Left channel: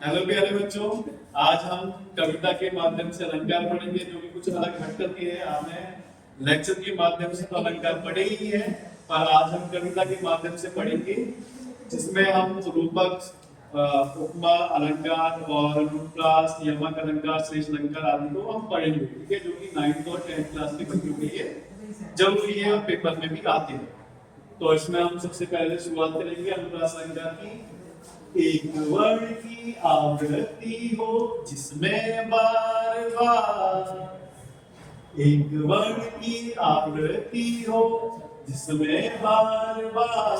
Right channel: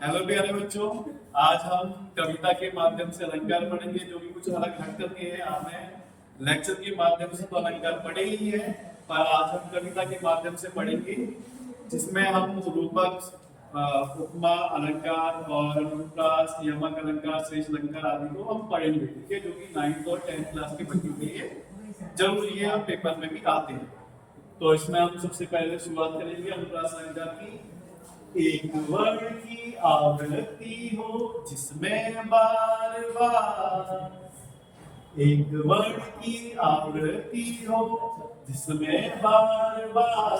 Hello प्यारे बच्चों। आज हम कविता के माध्यम से अलंकार पढ़ेंगे, जो कि कुछ अलग हट करके है। हमें लेक्चर के माध्यम से तो अलंकार पढ़े ही है, पर आज हम कविता के माध्यम से पढ़ेंगे, जिसमें हम रूपक, उपमा, अलंकार और अनुप्रास, यमक अलंकार, श्रेष्ठ अलंकार आदि को हम पढ़ेंगे। ठीक है, जो कि 9th और 10th क्लास के बच्चों के लिए जरूरी है और पेपर में भी आते हैं। तो इसमें हम सबसे पहले शुरुआत करेंगे अनुप्रास अलंकार की। एक वर्ण की आवृत्ति हो जिसमें बार बार, एक वर्ण की आवृत्ति हो जिसमें बार बार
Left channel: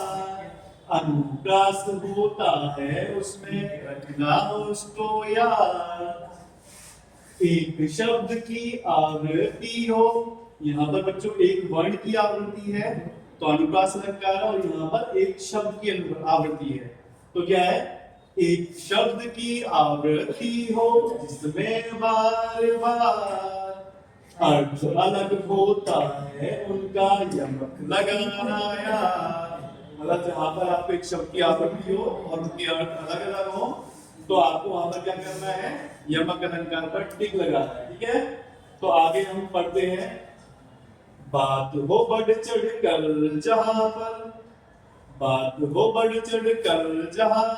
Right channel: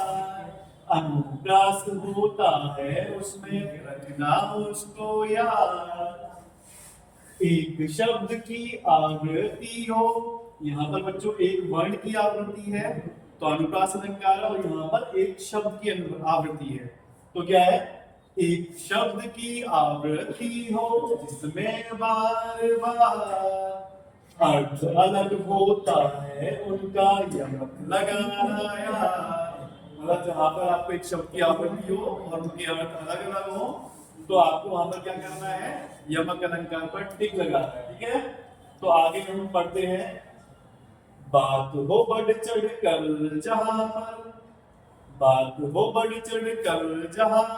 अनुप्रास होता है, उसमें रखना उसको याद। एक शब्द की आवृत्ति हो, यहाँ पर बच्चों एक वर्ण की आवृत्ति है तो अनुप्रास अलंकार, और यहाँ पर एक शब्द की आवृत्ति है तो क्या है, एक शब्द की आवृत्ति हो जिसमें बार बार अर्थ अलग होता है, उनका यमक लगाना यार। मतलब जहां पर आपको एक शब्द की आवृत्ति हो और उनके अर्थ अलग अलग हो तो आपको वहां पर क्या करना है, यमक अलंकार पर टिक लगाना है। ठीक है, तो आगे हम पढ़ते हैं। बात हो बढ़ चढ़ कर जहां पर, बात हो बढ़ चढ़ कर जहां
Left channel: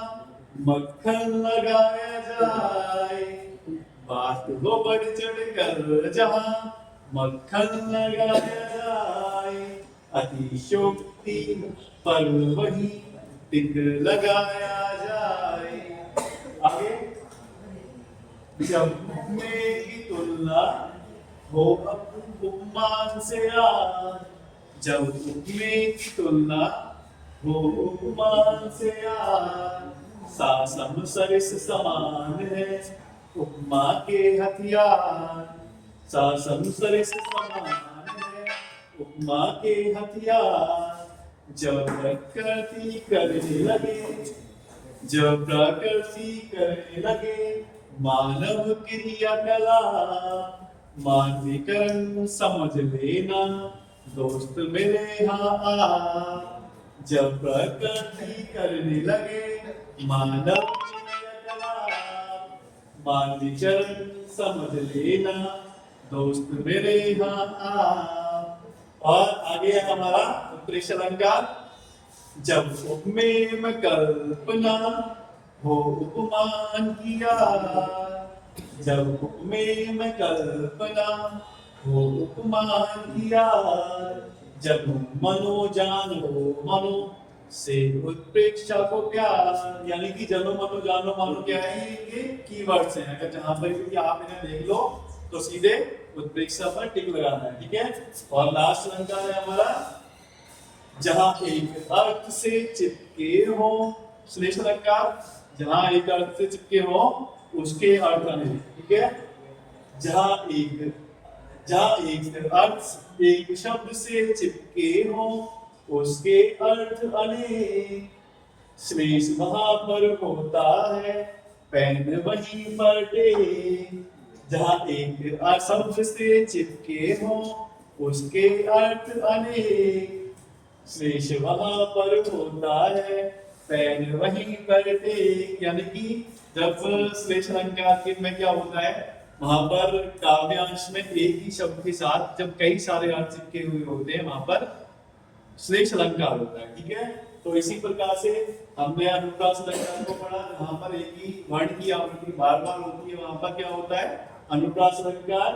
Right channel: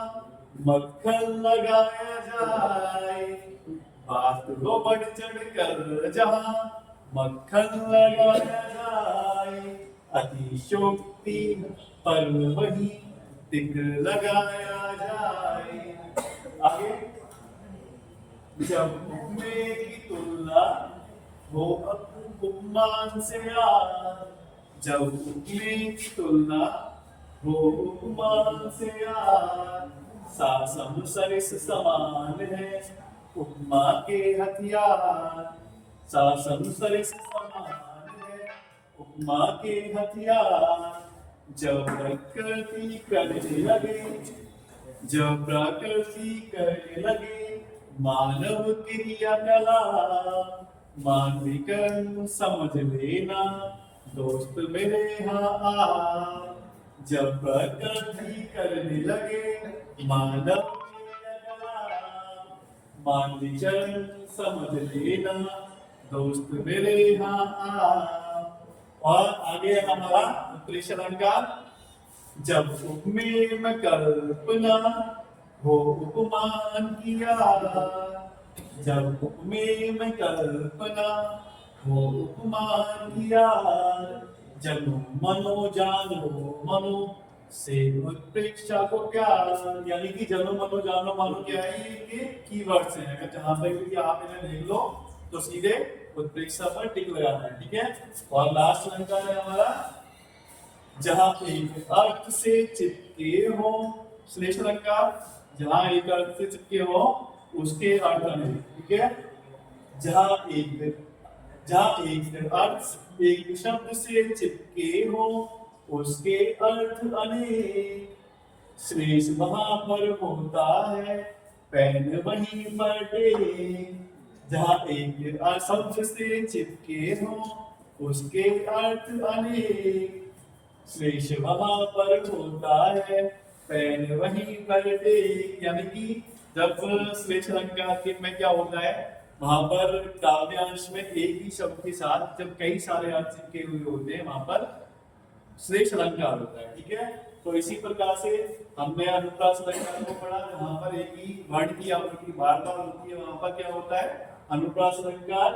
मक्खन लगाया जाए, बात हो बढ़ चढ़ कर जहां मक्खन लगाया जाए, अतिशोक्ति पर वही टिक लगाया जाए। आगे, जब उपमे की तुलना हो उपमान से याद, जब उपमे की तुलना हो उपमान से याद, सासम सरिस समान है उपमा के हथियार, सासम सरिस समान है उपमा के हथियार। जब प्रकृति करने लगे, जब प्रकृति करने लगे मानव क्रियाकला, मानवीकरण समझ लेना दोस्त मेरे यहाँ आ। जब प्रकृति करने लगे मानव क्रियाकला, मानवीकरण समझ लेना दोस्त मेरे यहाँ आ। और आगे हमारा उत्प्रेक्ष अलंकार। जब उपमे में कल्पना हो उपमान किया, जब उपमे में कल्पना हो उपमान किया, जब मनो जानो मनो से उत्प्रेक्षा को प्यार। यानी कि जनो मनो जानो मानो क्या है, ये कीवर्ड्स हैं। अगर जहां पर भी आप इन्हें देख लो तो सीधे उत्प्रेक्षा पर टिक लगाना है। ठीक है, और लास्ट अलंकार है हमारा, जहां एक अर्थ से चिपके हो, श्लेष अलंकार, जहां एक अर्थ से चिपके हो उसके अर्थ अनेक। ठीक है, जहां एक अर्थ एक शब्द से चिपके हो उसके अर्थ अनेक, श्लेष वहां पर होता है पेन वहीं पर टेक। जहां एक शब्द से चिपके हो उसके अर्थ अनेक, श्लेष वहां पर होता है पेन वहीं पर टेक। यानी कि जब श्लेष अलंकार में क्या होता है, वहां पर काव्यांश में एक ही शब्द के साथ जब कई सारे अर्थ चिपके हुए होते हैं वहां पर श्लेष अलंकार होता है। ठीक है, तो इसी प्रकार से हमने अनुप्रास अलंकार को पढ़ा, जहां पर एक ही वर्ण की आवृत्ति बार बार होती है वहां पर क्या होता है, अनुप्रास अलंकार।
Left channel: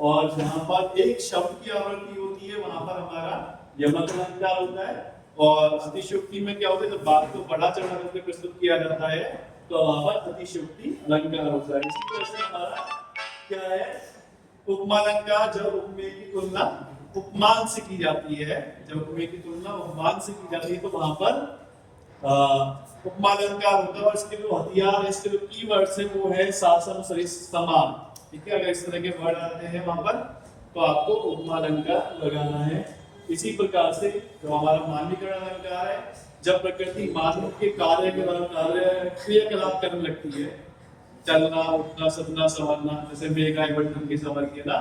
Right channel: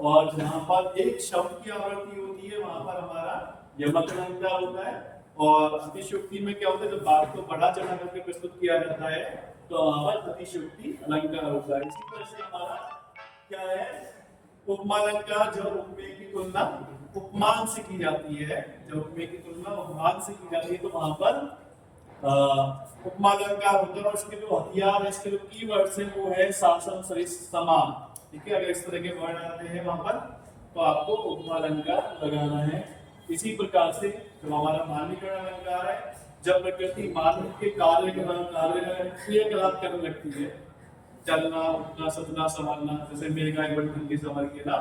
और जहां पर एक शब्द की आवृत्ति होती है वहां पर हमारा यमक अलंकार होता है। और अतिशयोक्ति में क्या होता है, जब बात को बढ़ा चढ़ा करके प्रस्तुत किया जाता है तो वहां पर अतिशयोक्ति अलंकार होता है। इसी तरह से हमारा क्या है, उपमा अलंकार, जब उपमे की तुलना उपमान से की जाती है, जब उपमे की तुलना उपमान से की जाती है तो वहां पर उपमा अलंकार होता है। और इसके जो हथियार है, इसके जो कीवर्ड्स है वो है सासम सरिस समान। ठीक है, अगर इस तरह के वर्ड आते हैं वहां पर तो आपको उपमा अलंकार लगाना है। इसी प्रकार से जो हमारा मानवीकरण अलंकार है, जब प्रकृति मानव के कार्य क्रियाकलाप करने लगती है, चलना उठना सजना संवरना, जैसे मेघाई बटन की संवर के ना,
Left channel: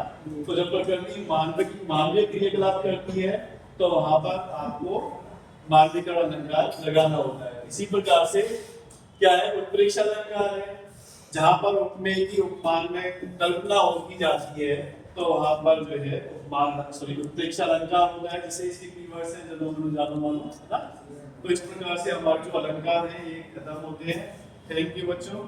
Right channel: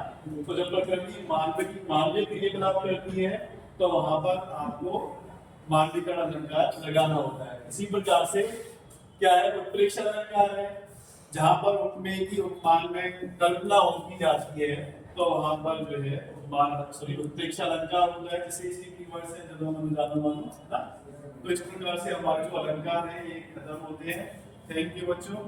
तो जब प्रकृति मानवीय क्रियाकलाप करती है तो वहां पर आपको मानवीकरण अलंकार लगाना होता है। इसी प्रकार से क्या है, उत्प्रेक्ष अलंकार है, जहाँ पर उपमेय की उपमान में कल्पना की जाती है तो वहां पर जो है उपमान सॉरी उत्प्रेक्ष अलंकार होता है, जैसे इसके कीवर्ड्स हैं जन्म अनुजातम है ना। तो इस प्रकार से हमारे जो अलंकार हैं ये खत्म होते हैं। थैंक यू बच्चों।